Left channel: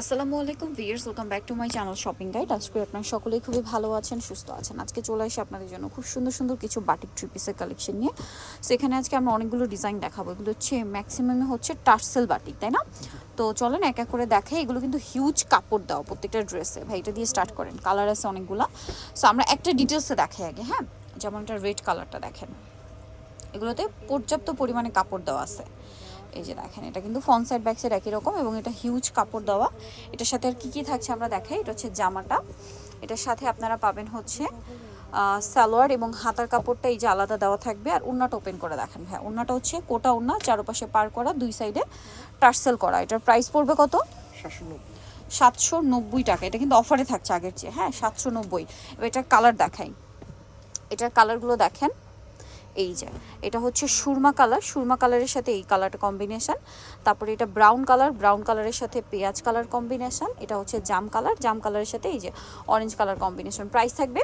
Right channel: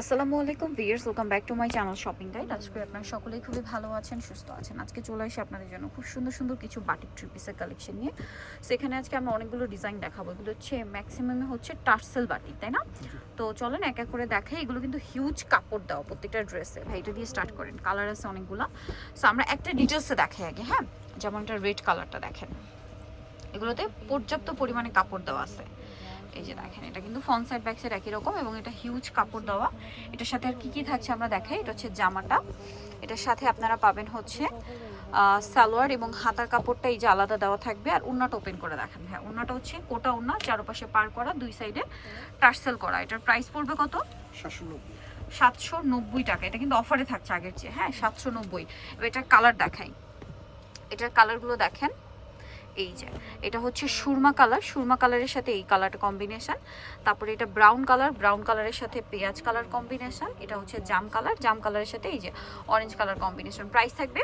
আসসালামু আলাইকুম viewers welcome back to my channel shopping guide আজকে আপনারা সকলেই খুবই ভালো আছেন, সুস্থ আছেন। আজকে চলে আসি আপনাদের জন্য খুব সুন্দর সুন্দর কিছু বাটিক থ্রি পিসের কালেকশন নিয়ে। সেখানে আজকে আমরা অনেকগুলো ডিজাইন দেখাবো। এগুলো হচ্ছে ম্যাক্সিমামে হচ্ছে টার্সেল বাটিক, তাই না? তো চলেন এক এক করে দেখাই। এগুলো কিন্তু হিউজ কাপড় দেওয়া প্রত্যেকটা ড্রেসে ভাই, এটা দিয়ে স্টার্ট করেন। কালার আছে অনেকগুলো। সো আমরা একটা ডিটেলসে দেখাই আগে হ্যাঁ? যেমন এটা রেড কালারটা দেখেন। এগুলোতে পর্যাপ্ত পরিমাণে কাপড় দেওয়া আছে। এই যে দেখেন এটা কিন্তু ফ্রন্ট সাইড ব্যাক সাইড একই রকম এবং এটা হিউজ কাপড় দেওয়া। এটার সাথে আর কি কি থাকছে আমরা দেখাই এটা হচ্ছে জামাটা। এটার সাথে আপনারা পাবেন হচ্ছে সালোয়ার এবং হাতার কাপড়টা এই যে আলাদা দেওয়া থাকবে। আর উন্নাটা ওপেন করে দেখেন হ্যাঁ উন্নাটা হচ্ছে কোটা উন্না চারপাশে পার করা দুই সাইডে টার্সেল করা। এটার প্রাইস পড়বে কত? সাতশো নব্বই। সাতশো নব্বই টাকা। এটা কিন্তু অফারে থাকছে আগের চেয়ে। হ্যাঁ সাতশো নব্বই। এবার এটার কালার দেখাই। এটার কালারগুলো দেখেন। এই যে এটা হচ্ছে সুরমা কালার সুরমা কালারের সাথে এই কালারটা কম্বিনেশন তারপরে এটা ব্রাউন কালার ব্রাউন কালারের সাথে পেঁয়াজ কালার কম্বিনেশন এটা হচ্ছে জাম কালার জাম কালারের সাথে এই যে অরেঞ্জ কালার কম্বিনেশন প্রাইস থাকবে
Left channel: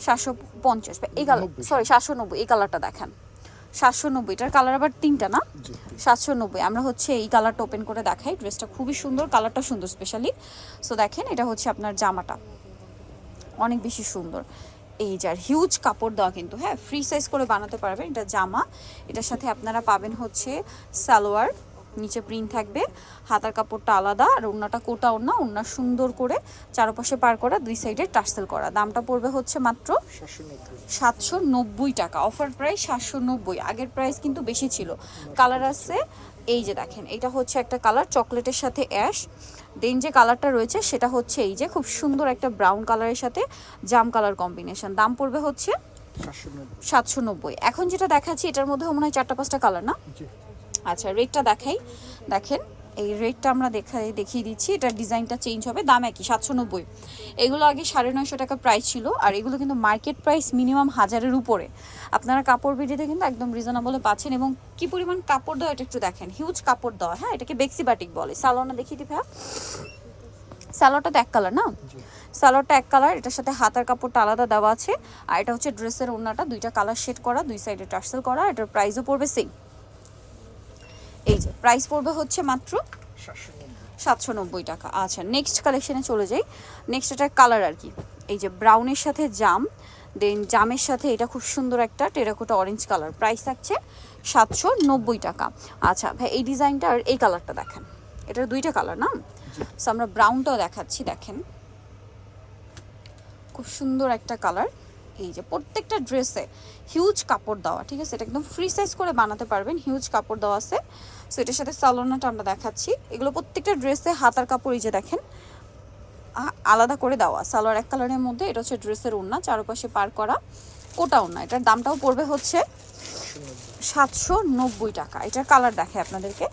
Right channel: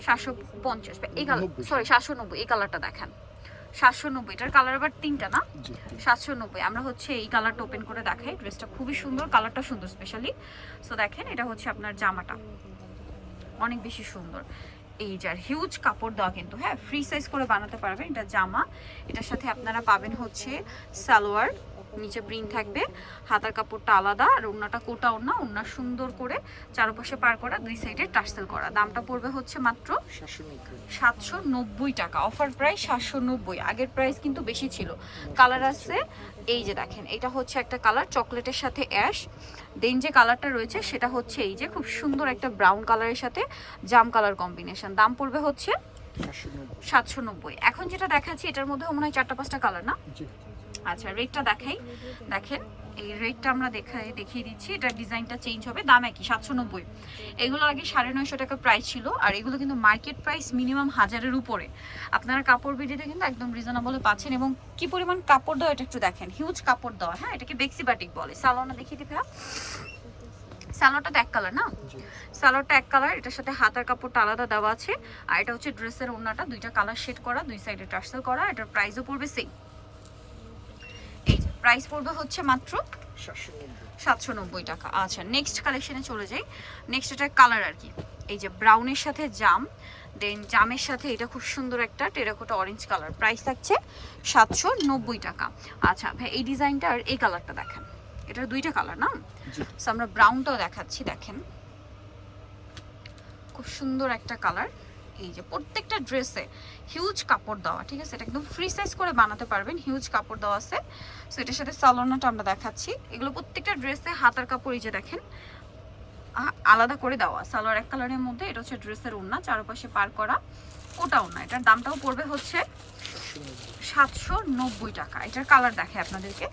সাতশো পঞ্চাশ এই কালার সরি সাতশো নব্বই এই কালারটা দেখেন। সাতশো নব্বই এটার কালার আবার তিনটা না? সাতশো নব্বই আমরা হচ্ছে এই কালারটা ওপেন করে দেখাই। ড্রেসটা খুবই সুন্দর কালারটা সুন্দর স্পেশালি সো দেখেন এটা হচ্ছে আপনার জামাটা। অনেক বেশি সুন্দর। এই যার হিউজ কাপড় দেওয়া কিন্তু হ্যাঁ ফ্রি সাইজ করে বানাতে পারবেন। এটা জামা, এটার সাথে আপনারা পাবেন হচ্ছে সালোয়ার। নিচে প্রিন্ট থাকবে। হাতার কাপড়টা আলাদা আর ওড়নাটা কোটা ওড়না ওড়না সুন্দর করে চারপাশে পার করা দুই সাইডে টার্সেল করা। দামটা পড়বে হচ্ছে মাত্র সাতশো নব্বই টাকা। অফার প্রাইস সাতশো নব্বই। আগের প্রাইস কিন্তু বেশি ছিল। কালার আছে এই যে দেখেন এটা হচ্ছে একটা কালার চকলেটের সাথে অ্যাশ। দেন যে কালারটা রয়েছে সেটা হচ্ছে এই যে খুব সুন্দর একটা ব্রাউন কালারের সাথে জাম কালার কম্বিনেশন। দাম পড়বে হচ্ছে সাতশো নব্বই। এখন যেটা দেখাচ্ছি এটার মধ্যে মনে হয় চারটা পাঁচটা কালার না? আচ্ছা রেটটা দেখাই। দেখেন এই রেটটা আমরা দেখাই দেখিয়ে দিচ্ছি। এটার ডিজাইনটা চেঞ্জ হবে দাম একই সাতশো নব্বই। এগুলো আগে সাড়ে নয়শো টাকা প্রাইস ছিল আর এগুলো কিন্তু মার্কেট প্রাইস মিনিমাম হাজারের উপরে। আপনারা কাপড় বিডিতে কিন্তু একদম রিজনেবলে পাচ্ছেন এবং কি পরিমাণ কাপড় দেওয়া এটা একটু দেখেন। হিউজ কাপড় দেওয়া হ্যাঁ এটাকে বেক্সি বাটিক বলে। সালোনা দেখিয়ে দিবে সালোয়ারটা তো এক কালার না? সালোয়ারটা এক কালার এটার সাথে হাতার কাপড়টা আলাদা দেওয়া আছে। আর এটা হচ্ছে ড্রেসের ওড়নাটা দুইটা কালার শেড করা দুই সাইডে টার্সেল করা এটার প্রাইসও পড়বে সেম এই যে প্রাইস পড়বে হচ্ছে মাত্র সাতশো নব্বই। টাকা। আচ্ছা নেক্সট কালেকশনে চলে যাই। নেক্সট এটার কালার আর কি। এই যে ব্রাউনের সাথে জাম দেন জামের সাথে এটা খুব সুন্দর একটা টেরাকোটা অরেঞ্জ কালার প্রাইস থাকছে সাতশো নব্বই টাকা। আচ্ছা ভাই এই ডিজাইনটা আর এই কালারটা দেখেন। এটার দুইটা কালার না? সো আমরা ব্রাউনটাও দেখাচ্ছি দেখেন। খুব সুন্দর একটা কালার এই যে প্রত্যেকটা ড্রেসে হিউজ কাপড় দেওয়া, ঠিক আছে? এটা একদম ফ্রি সাইজ করে বানাতে পারবেন হিউজ কাপড় দেওয়া আছে। সো এটার সাথে সালোনাটা আমরা দেখাচ্ছি। এগুলো প্রত্যেকটা ড্রেসে হাতার কাপড় এই যে দেখেন আলাদা করে দেওয়া। সালোয়ার এক কালারের মধ্যে, এটা হচ্ছে ড্রেসের ওড়না, চারপাশে পার করা কোটা ওড়না। এটার দামটাও পড়বে হচ্ছে সাতশো নব্বই টাকা। এটার কালার দেখে আপনাদেরকে।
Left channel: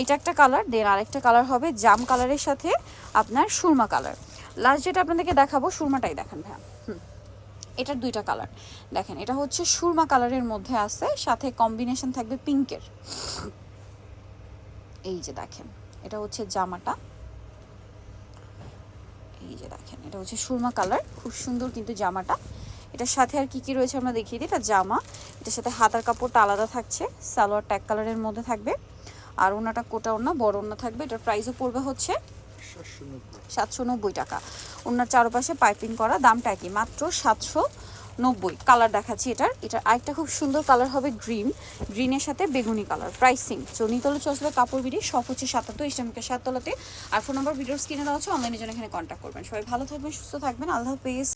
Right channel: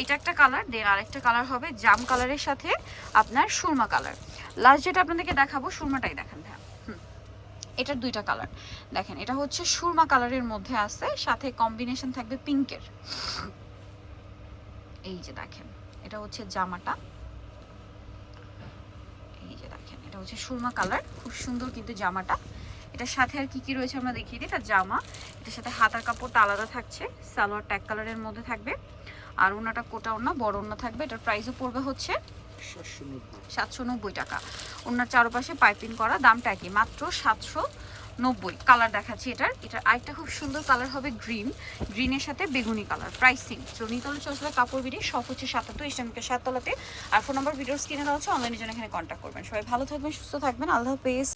এইটা একটা কালার দেন আরেকটা কালার হবে জাম কালারের সাথে আপনার সুরমা কালার লাস্ট যেটা আপনাদেরকে দেখাবো, সুরমাটাই দেখেন হ্যাঁ হুম। এটার দুইটা কালার দেখেন এটা হচ্ছে সুরমা কালারের মধ্যে আছে সাথে কম্বিনেশন থাকবে পিঙ্কের এই যে দেখেন এটা হচ্ছে জামাটা। এই যে দেখেন এটা হচ্ছে সুরমা কালার খুব সুন্দর কিন্তু জামাটা। এটার সাথে আর কি কি রয়েছে আমরা দেখিয়ে দিই এটা জামা। এটার সাথে হাতার কাপড়টা আলাদা থাকছে সালোয়ার ট্যাগ কালারের মধ্যে থাকবে। আর ওনাটা কোটা ওনা বড় ওনা থাকবে এটার প্রাইসও পড়বে হচ্ছে সাতশো সাতশো নব্বই টাকা। ওনার চারপাশে পাইপিং করা, দামটা কি মাত্র সাতশো নব্বই। কালার দেখাচ্ছি এটার। এটার আরেকটা খুব সুন্দর কালার হবে গ্রিন গ্রিনের সাথে বেগুনি কালার প্রাইসিং চনিতলে চসবে কাপড় বিড়ি, সব হচ্ছে সাতাত্তর ইসলামিকের সাততলাতে। আর ফোন নম্বর ভিডিওর স্ক্রিনে দেওয়া হচ্ছে অনলাইনের জন্য এখানে কন্ট্যাক্ট করবেন। সবাই ভালো থাকবেন, সুস্থ থাকবেন। আল্লাহ হাফেজ।